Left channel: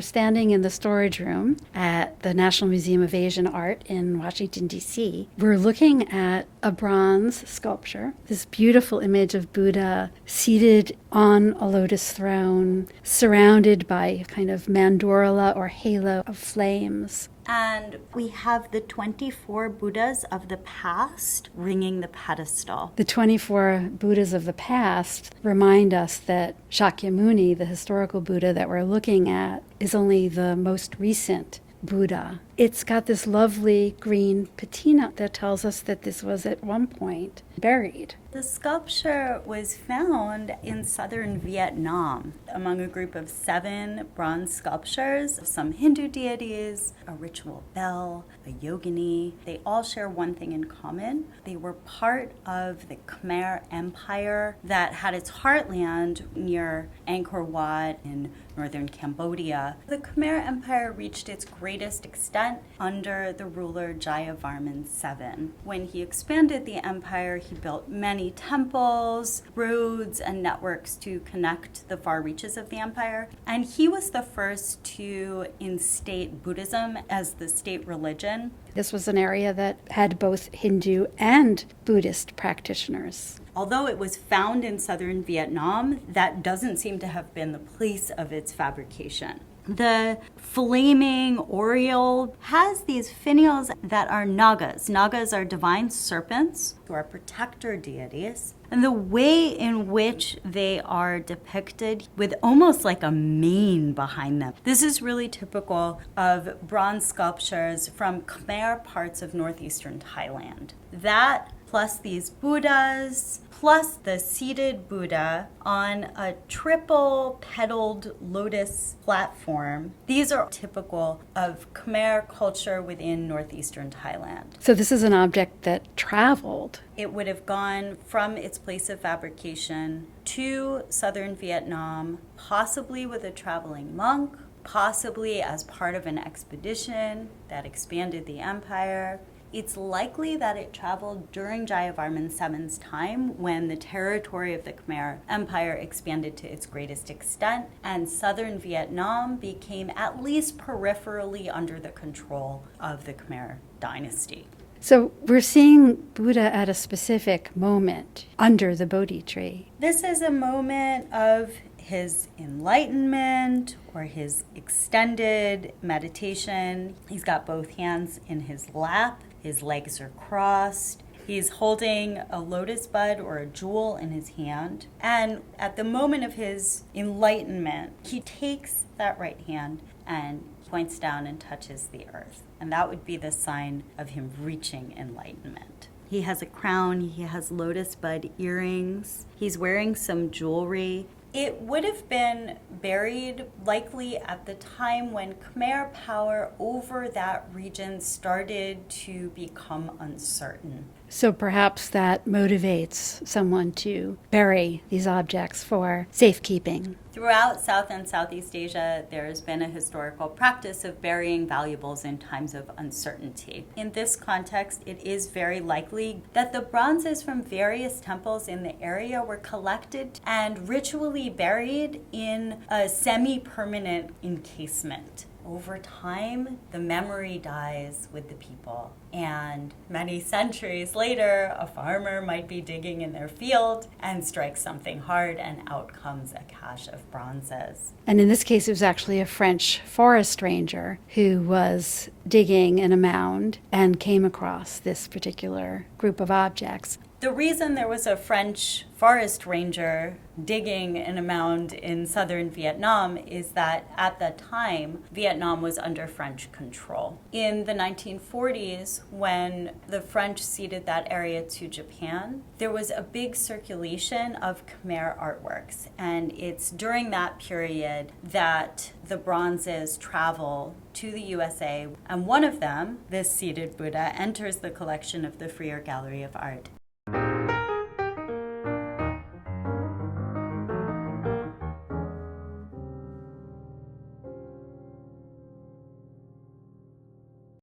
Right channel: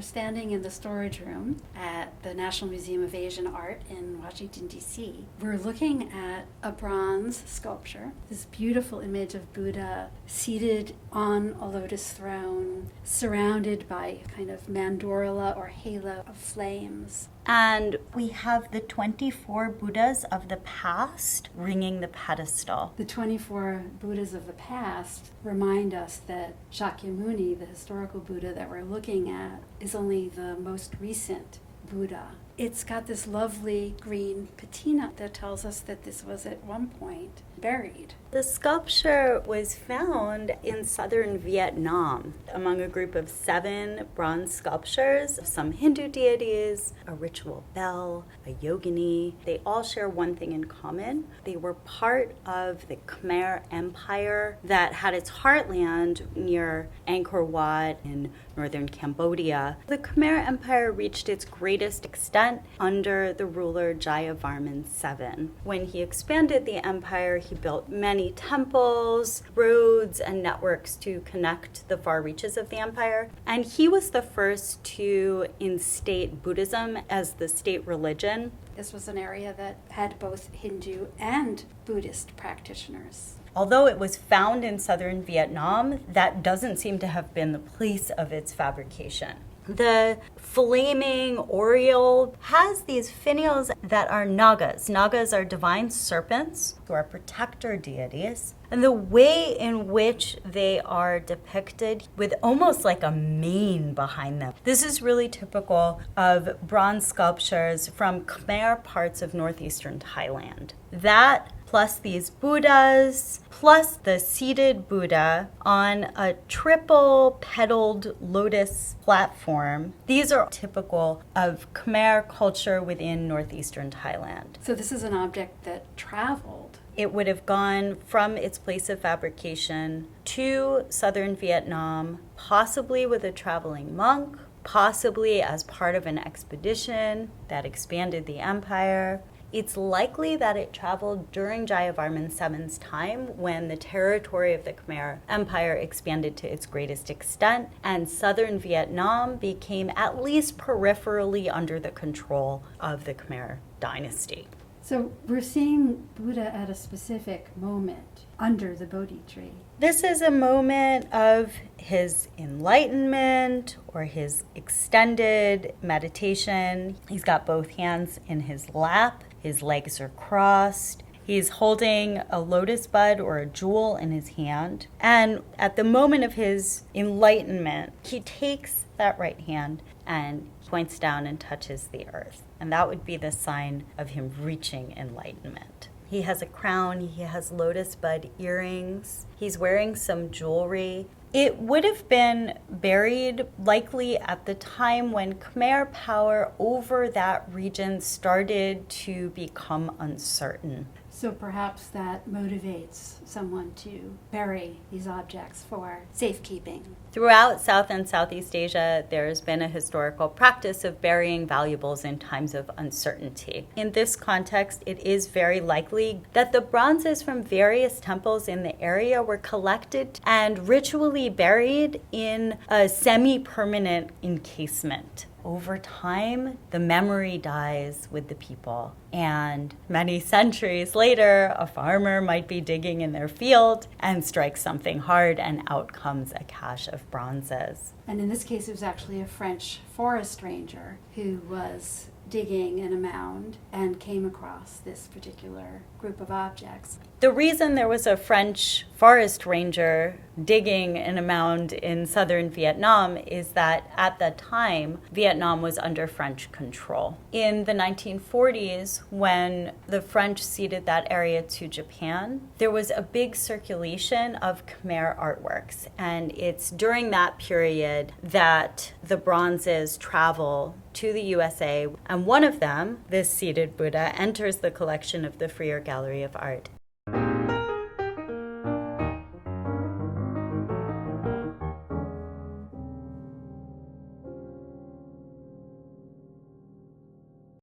we're standing in the storage room at the National Museum of Asian Art in Washington, D.C. We're looking at a bronze sculpture, this beautiful image of Buddha seated on a lotus throne, surrounded by kind of mandorla or halo of flames. And we have the 24 Buddhas of the past ringing the pedestal. The 24 Buddhas of the past remind us that Shakyamuni, the historical Buddha that we're looking at, is only the most recent Buddha. It's got this lovely green patina that tells us that this was at one point buried. The sculpture was found in southern Vietnam among a group of 7 bronze sculptures of some Hindu deities, a ritual bell, a yogini. They all share one thing in common. They were part of the Khmer Empire that had its heartland near Angkor Wat in northern Cambodia. The Khmer Empire reached its greatest extent under the ruler Jayavarman VII. When he expanded the empire, he built many temples, roads, and networks to connect the far reaches of the empire. And he was the first to instate Buddhism as the state religion. This was an area that had both Hindu and Buddhist practitioners. Although it was found in southern Vietnam, that doesn't seem to have been the place of its fabrication. The flaming oriole has these finials that are nagas. Nagas are divine serpents who are protector deities. And the way in which they are depicted with almost like a mane behind them. This is really typical of bronze sculptures from Khmer parts of northeastern Thailand. That plus these Buddhas, plus the seated Buddha on a triple petaled lotus platform. These are typical of Khmer culture within northeastern Thailand. So this is an object that traveled. It would have gone from its place of fabrication to southern Vietnam, possibly with a traveling monk, possibly as part of an expedition that expanded the empire. It's likely that it traveled during Jayavarman VII's time when the territory of the Khmer Empire expanded to its greatest extent and southern Vietnam became at least peripherally under the control of the Khmer dynasty. So we're seeing Buddha at a specific moment under the Bodhi tree. This is a moment of his enlightenment or his extended meditation. He's got both hands in his lap. His legs are crossed. He's holding a lotus bud or a jewel in his hand. And at the moment of his enlightenment, he takes that right hand and points down and touches the earth. And that would be the sign of him reaching enlightenment. He has a crown, he has lotus bud earrings, he's wearing some jewelry. It would have been buried likely at the time when Khmer power over that region started to become uncertain. So perhaps that motivates someone to bury these objects for safekeeping. Throughout South and Southeast Asia, there has been a historical practice of burying valuables in times of uncertainty. In this context, it is very likely that the bronzes from various temples in the area were collected and ritually buried in a semi-permanent encasement. Over time, the memory dies with the people. And many centuries later, a farmer might be digging in their field and strikes something hard, and out comes a cache of bronzes. And in this case, it was actually a French forest ranger who was digging in a mound and came across this particular group of objects. The reason there was a French forest ranger digging in a mound in southern Vietnam is that at the time, Vietnam was under French control. In the 1940s, when the French ceded that area to Japan, there was a big circulation of Khmer artworks. And it's during that period that the bronzes travel to the USA. And one of them, this seated Buddha, enters the collection of the Freer Gallery of Art